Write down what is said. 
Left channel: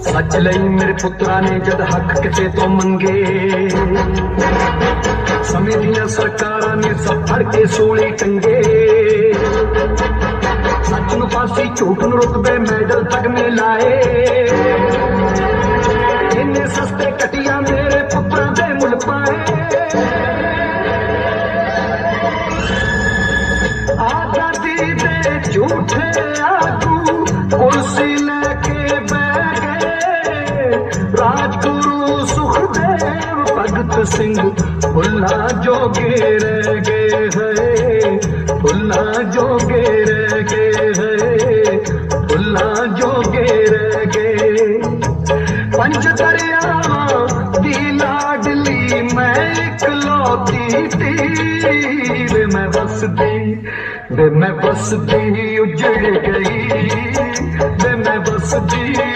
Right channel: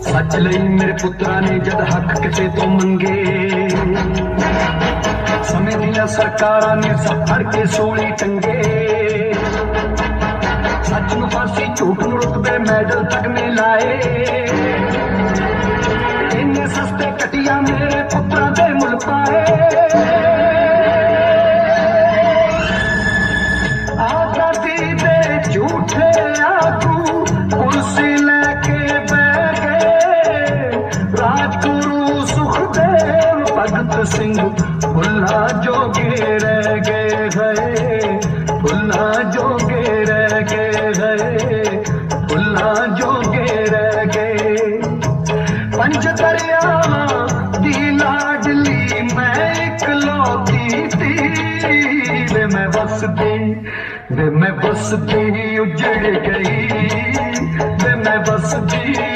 ਸੱਚ ਲਈ ਮੇਰੇ ਪੁੱਤਰਾਂ ਨੇ ਜਦ ਹੱਕ ਕਿਤੇ ਤੋਂ ਮੰਗੇ। ਸਮੇਂ ਦੀਆਂ ਸਰਕਾਰਾਂ ਨੇ ਸਭ ਫੜ ਕੇ ਸੂਲੀ ਟੰਗੇ ਸੱਚ ਨੂੰ ਫਾਂਸੀ, ਝੂਠ ਨੂੰ ਰੁਤਬੇ ਮੈਡਲ ਤਗਮੇ ਲਾਏ। ਇੰਨੇ ਸਸਤੇ ਕਟਿਆ ਮੇਰੇ ਪੁੱਤਰਾਂ ਦੇ ਮੁੱਲ ਪਾਏ। सतगुरु सुखदेव भगत सिंह, भुल्ला जोगे रह गए गए भुल्ला जोगे रह गए गए भुल्ला जोगे रह गए। पंच दरिया की लाडली मैं कलौती तीर में बसती, वे मैं बसती, उजड़ गई। दे मैं बसती।